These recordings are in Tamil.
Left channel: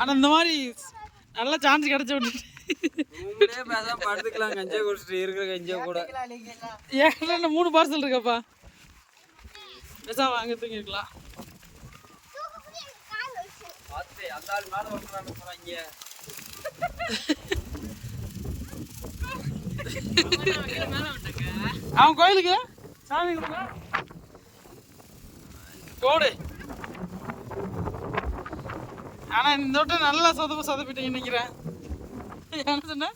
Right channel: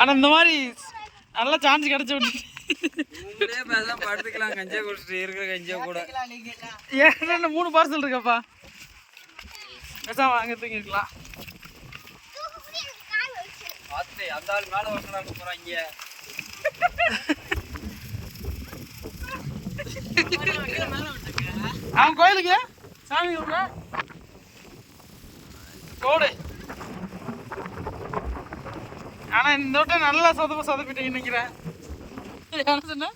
ஆனா இந்த மாதிரி நல்லா சான்ஸ் கிடைச்ச படுத்துக்கலாம் கஞ்சா குடிச்சிட்டு இருக்கிற கஞ்சா கூட ஏன் 3 பார்சல் இருக்கப்பா பேசாம வாங்க தூங்கிருக்கலாம். அந்த ஆள் மேல வந்து போறாங்க. அவன் கோயிலுக்கு சாமி போடு. ஆனா இந்த வட்டம் நல்லா சொதப்பிட்டீங்க நினைக்கிறேன். என்ன சொன்ன?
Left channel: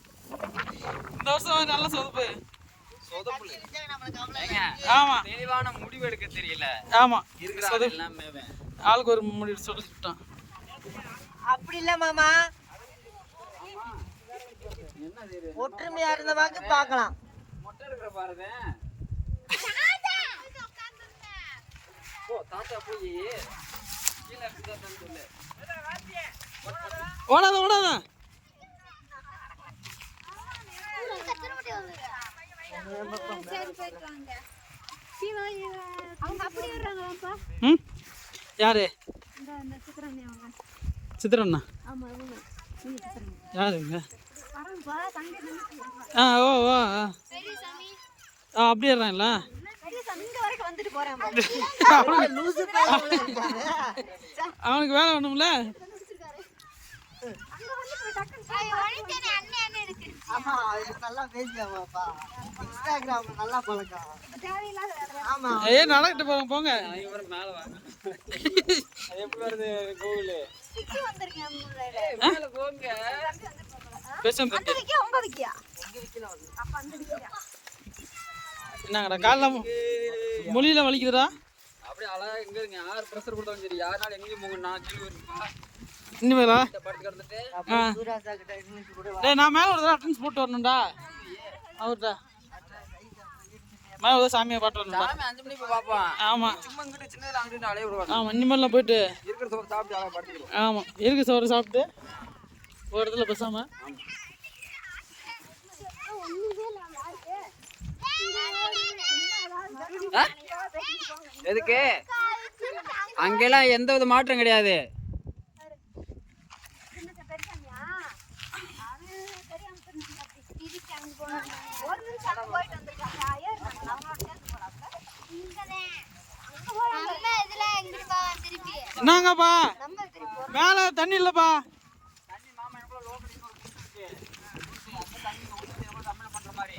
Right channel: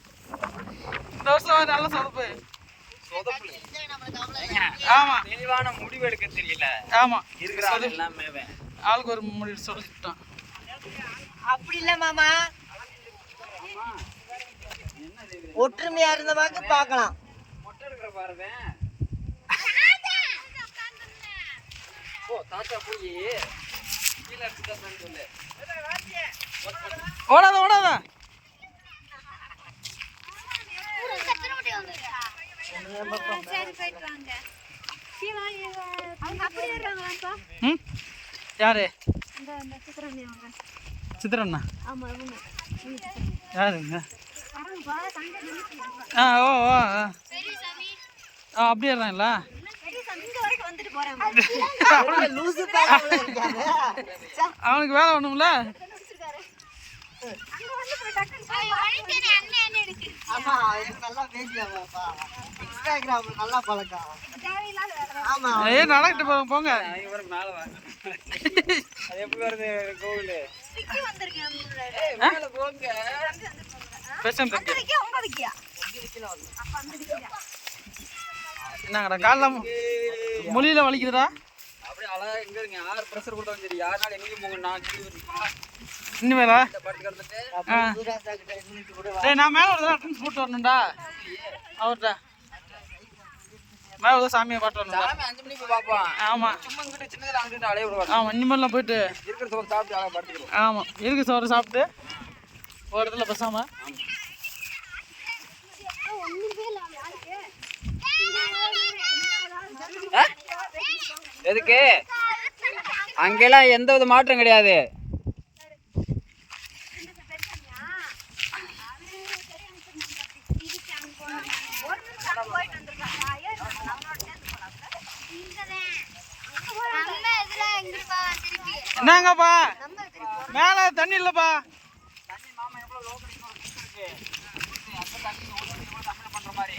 இந்த வருஷம் நல்ல சொதப்பு. ஆமா தெளிவான முடிவு எடுக்க தெரியல. ஆமா இருக்கிற ஆளுக்கு ஒரு முடிவு சொல்லிட்டான். அப்படி இல்ல மாமா, ஒற்றுமையா இருந்த பார்க்கலாம். மொட்டை எடுக்கிற பாருங்க. தாத்தா போய் ஓடாத ஓடாத. சரி போயிட்டு வாங்க. அவங்க அப்படி வர்றாங்களாப்பா? யாரு? இந்த சித்திரண்ணா. சித்திரண்ணா? ஆமா இவங்க. யாருங்க? வரங்கப்பா தங்க நின்னு. ஓ ஓ சரி சாமி. அப்படியே இருறாங்களா? சரி சாமி இங்க வரைக்கும் வந்துட்டு போறாங்க. அவனுக்கு வேலை வேணும்ல. அங்க வந்து போய் டக்குனு அண்ணே அண்ணே இருக்கு. ஆமா எனக்கு நல்லா பேசுவாப்பா. இன்ஸ்டாகிராம் நல்லா பழக்கம். தேவையில்லாத வேலை. ஆமா நடக்கிட்டு போங்க. இவரு மேல வாங்க. அது எப்படி வருது கோவில்? சிக்கி வந்திருக்கேன் மேல போங்க. பேசன் தம்பி. 9 கிலோ. அப்ப 50 கிலோ. என்னங்கடா கால்ல மொழியில வலிக்குதுடா? அப்படியே அழகா இங்க யார் பிரஷர் கொடுத்தாலும் சரி யாரால எங்கேயும் போங்க நான் கீழே வரணும். இனிமேலா? சூராசா கிட்ட நின்னுட்டு கூட டேய் நான் மேல ஒரு அட்டென்ஸ் போட்டு வரணும்டா. அவர்டா மேல ஒரு சாமியை பாட்டு வரணும்டா. 5 மணிக்கு போய் பாப்போம். ஆமா சும்மா இங்கிட்டு சின்னதா அங்கிட்டு அலைய விடுவாங்க. ஆமா இனிமேலாம் போயிட்டு இருக்கிற சோறு சாப்பிட்டு அழகா படுத்துக்கலாம். ஆமா இருக்கு சோறு சாப்பிட்டு ஒரு இடத்துல பேசாம. எதுக்கு அங்கெல்லாம் எந்த வித மாற்றம் கிடையாது. என்னங்கப்பா மேல தண்ணி இல்லப்பா. பண்ற மாதிரி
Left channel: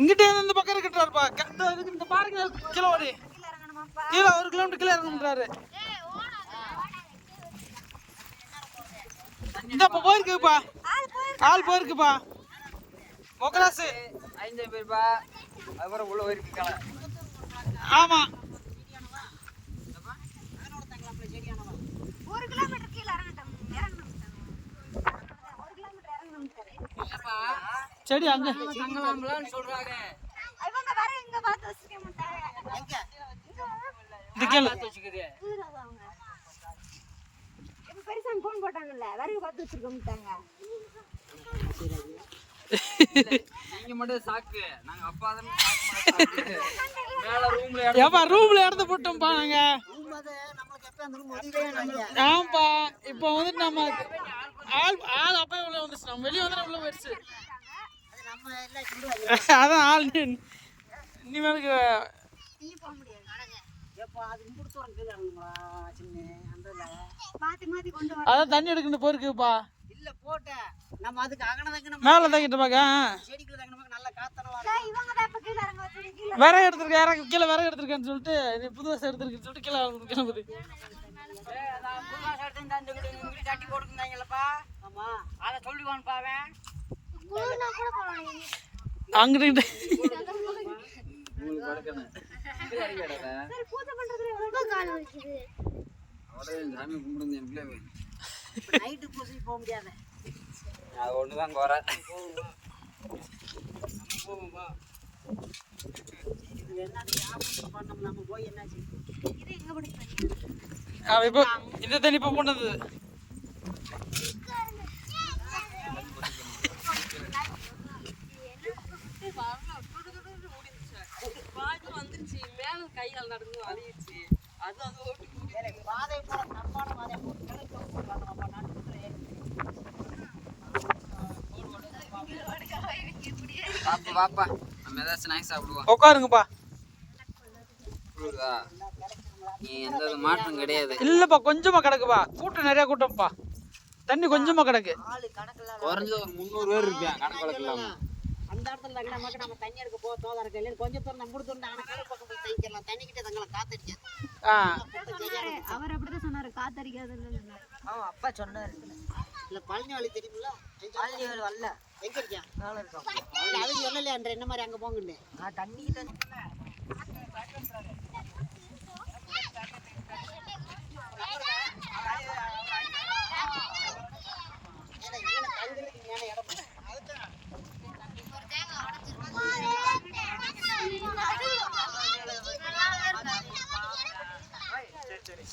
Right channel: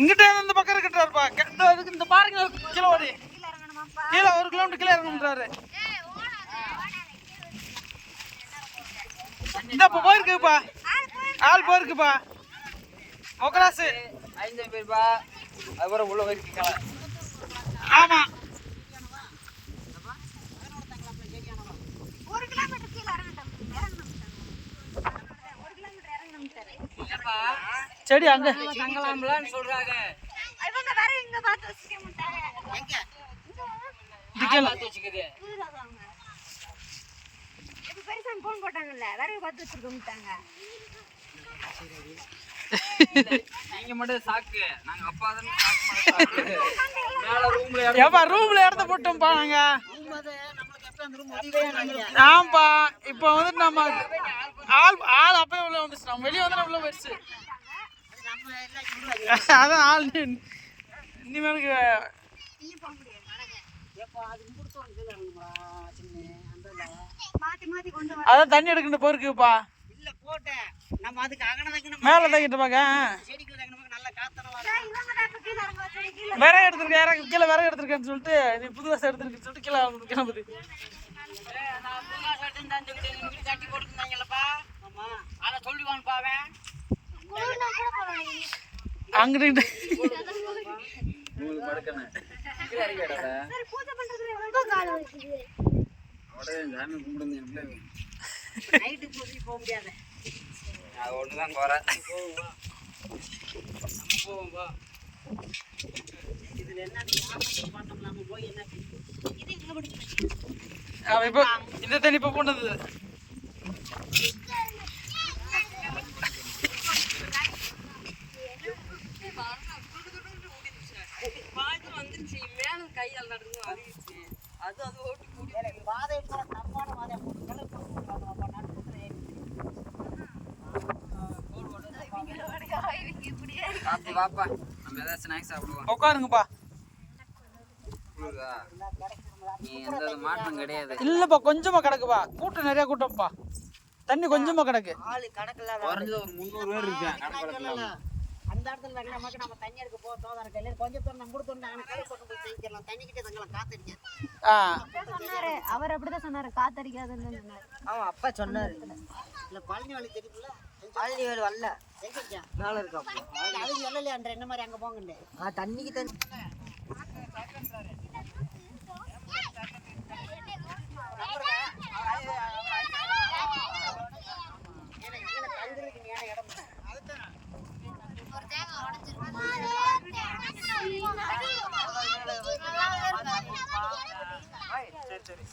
இங்கிட்ட இந்த பக்கம் இருக்கட்டாருப்பா. அதுக்கு இந்த பாருங்க கிலோ ஓடி கீழே 1 கிலோமீட்டர் கீழே இறங்கணுன்றாரு. இந்தப்பா போயிருக்குப்பா. ஆள் போயிருக்குப்பா. மொக்கராசு 5 பேர்ப்பா. அதுக்கப்புறம் உள்ள போயிருக்கீங்க. ஆமா 1 கிலோமீட்டர் கீழ இறங்கணும். 1 கிலோமீட்டர் இறங்கணும் சார். செடி அங்க தங்கலாம்லன்னு சொல்றாங்க. இவங்க வேற இங்க பார்த்து வச்சுக்க மாட்டாங்க. எங்க இதுக்கல வச்சுக்குது. புதுசாக அவங்க இப்ப பெருசான் போன் போட்டாங்கல்ல வேற பார்த்து வச்சுக்க மாட்டாங்க. நீங்க மட்டும் சாக்கு. நாங்க அப்பா தான் சாக்கு. மேல ரூம்ல ஏப்பா ரூம்ல இடத்த போட்டோம்ப்பா நாங்க. ரூம் அது நமக்கு எப்ப அந்த ரூம் முடியவே இல்லைங்க. ஆம்பா இப்போ வந்துட்டு நம்ம ஆள் அப்பவே உள்ள வந்துச்சு. நம்ம வெளியே வந்து உள்ள போயிடுச்சு. நம்ம எல்லாம் இங்க அதான் ஆள் இனிமேலுக்கு ஏப்பா அது குடுத்தோம் கீழ இறங்குங்களா சின்ன அந்தல மாத்தி மாத்தி கொண்டு வர. அதான் தண்ணி எடுக்கணும் போயிருக்குப்பா. இல்ல போட்டேன் நம்ம அதுக்கு அகன வைக்கணும். மேல தங்கிட்டு பாக்க செடிக்குள்ள வைக்கணும் நல்ல காத்தன வர. இவங்க தான் இப்ப கீழ இறங்க வச்சு கீழ விறகு எடுத்துருக்க யாரும் கீழே விறகு எடுத்துருக்கேன்னு சொல்லிட்டு நீ புது வாசம் எடுத்துருக்குன்னு சொல்லிட்டு கீழே கிளம்புது. நான் புதுசா எடுத்துட்டு அந்த வீடு கட்டி கொடுத்துட்டாங்கலப்பா. ஆமா அத சொல்லிவான் பாவேன். குளூர்னா கூட போறாங்க. அங்கிட்டு உங்களுக்கு படுக்கணும். கீழ இறக்கிடாத. சரி பூஜை பண்றதுக்கு எவ்வளவு கால் வலிக்குது. அவளே சாமி கும்பிடுங்க எனக்குள்ள. நைட் பூஜை போக முடியாது. அது ஒண்ணுதான் குறை. நம்ம போவோம் வா. இதுல என்ன வியாபாரம் பண்ணோம்லாம போய் என்ன இது எங்க பிடிச்சு இப்போ இந்த தண்ணி இப்போ போனது பாத்து வந்துருச்சு மேல கையால் நடக்கணும் அழிச்சு அது அது ஓட்டு பாதை பூரா தப்பான பாதையை போட்டு கிணறு பக்கம் போட்டு வரணுமாப்பா நடுப்புற ஏறி பாப்பா பாப்பா நம்ம ஏதாவது ஸ்நாக்ஸ் சாப்பிடுவோம் உட்காருங்கப்பா. நீ எந்த மாற்றம் கிடையாது. இல்லப்பா கொஞ்சமா கிடக்குப்பா, கூட்டம் நிறைய கூட்டம்ப்பா, தண்ணி கொஞ்சமா கிடக்கு. ஆளு கணக்கில்லாத குறைஞ்சது ஒரு 300 பேர் இருப்பேன் கணக்கு. அந்த இடத்துல நமக்கு நம்ம தண்ணி எடுக்க போக தோதா இருக்க இல்லைன்னு கொஞ்சம் தூரம் நம்ம கொடுத்துருந்தாங்க கிணறு பக்கம் போய் தங்கிக்கலாம். தண்ணிக்கிட்டே தங்கலாம், காத்தடிக்காது. அவர் அப்படிதான் சொன்னாரு, காத்தடிக்காதுன்னு சொன்னாரு. ஆமா அப்பா சொன்னாரு. இல்ல பழனி வழி தெரியுமில்ல? பழனி வழி வரல, எங்க இருக்கா? மேல இருக்கா. அவங்க சொல்லலையா அன்ற என்ன மாதிரி அங்க போங்கன்னு. தண்ணிக்கு தண்ணி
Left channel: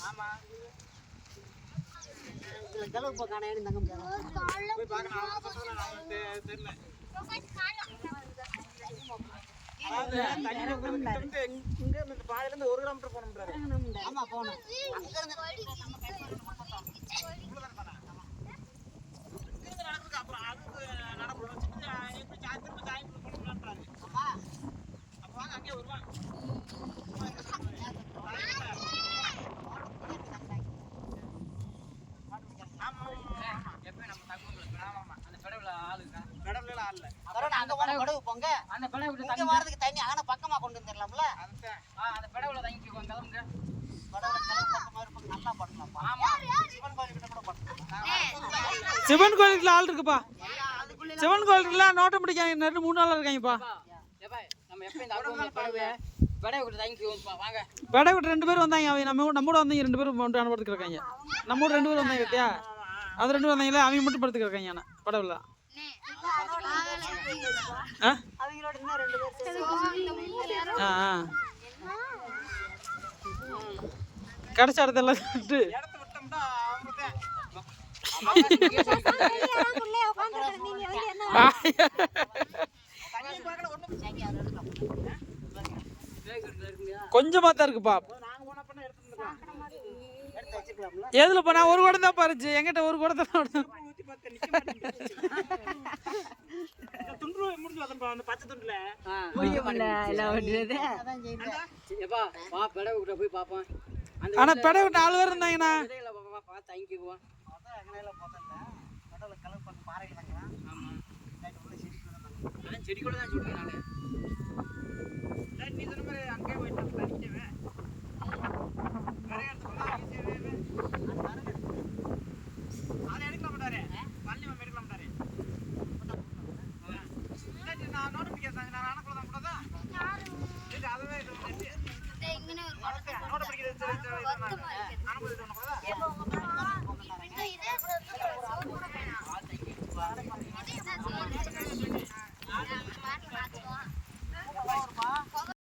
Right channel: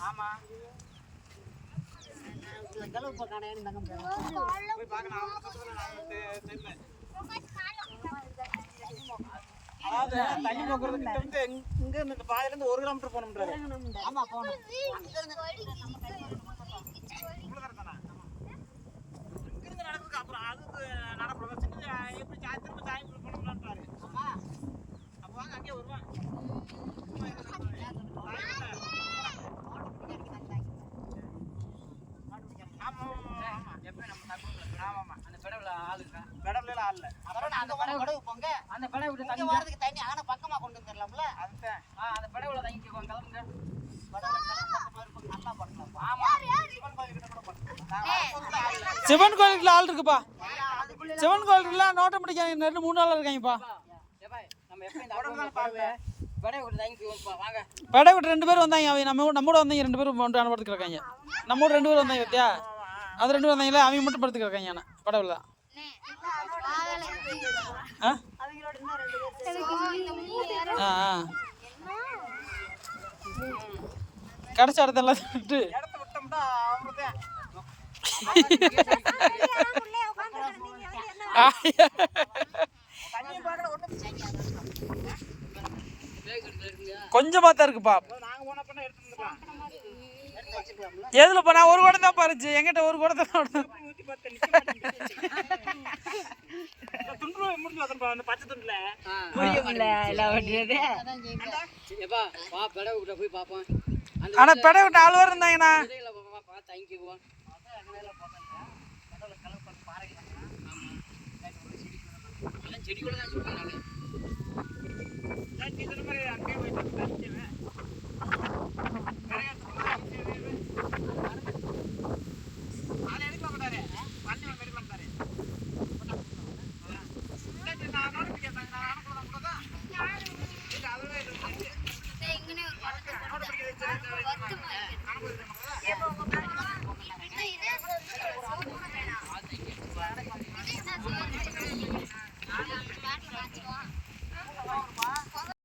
ஆமா கலவு காண போய் பார்க்கணும். இங்க இருந்து பாதையில இருந்து 1 கிலோமீட்டர் போகணும். ஆமா போகணும். அங்க இருந்து நடக்குது. அப்புறம் அதுக்கு நடக்கூட வச்சுட்டு எப்படி திரும்ப சாயந்தரம் போகணும்ன்றாரு. அப்போ வாங்க அங்கேயே வருவாங்க. அந்த படை விட்டு தங்கி வரதுக்கு தண்ணி ஆனா பக்கமா கொண்டு வந்துடலாம்ல. அந்த படவுல தங்கிக்குவோம். கிளம்புங்க. சிவன் கோயிலுக்குள்ள ஆள் இருக்குப்பா. சிவன் கோயிலுக்குள்ள நோட்டம் பிடிக்காங்க, 2-3 ஆள் இருக்காங்கப்பா. நம்ம எப்ப இந்த அக்கௌண்ட்ல படை விட்டு தங்கிக்குவோம்ப்பா. வாங்க. படை விட்டு 2 பேர் வந்தாங்க. அவங்க நம்மோட வந்தீங்க 2 பேரும் அனுப்புறதுக்கு இருக்காங்க. நம்மோட 2 பேர் வந்தாங்க பத்தியா, அது 2 பேர் வந்தாங்களே, அவங்க மட்டும் படுத்துக்கு இருக்காங்க. ஆனால் படவுல கடைசி இடத்தெல்லாம் விட்டு கொஞ்சமா தான் இருக்குப்பா. எதுல போனா ஒரு குடம் தான் பறிச்சு, எங்கிட்ட ஒரு குடத்தை ஆனா பெடை விட்டு 4 பேர் இருந்தாங்கண்ணா. செடி கூட தான் சொல்லுங்க. இங்கே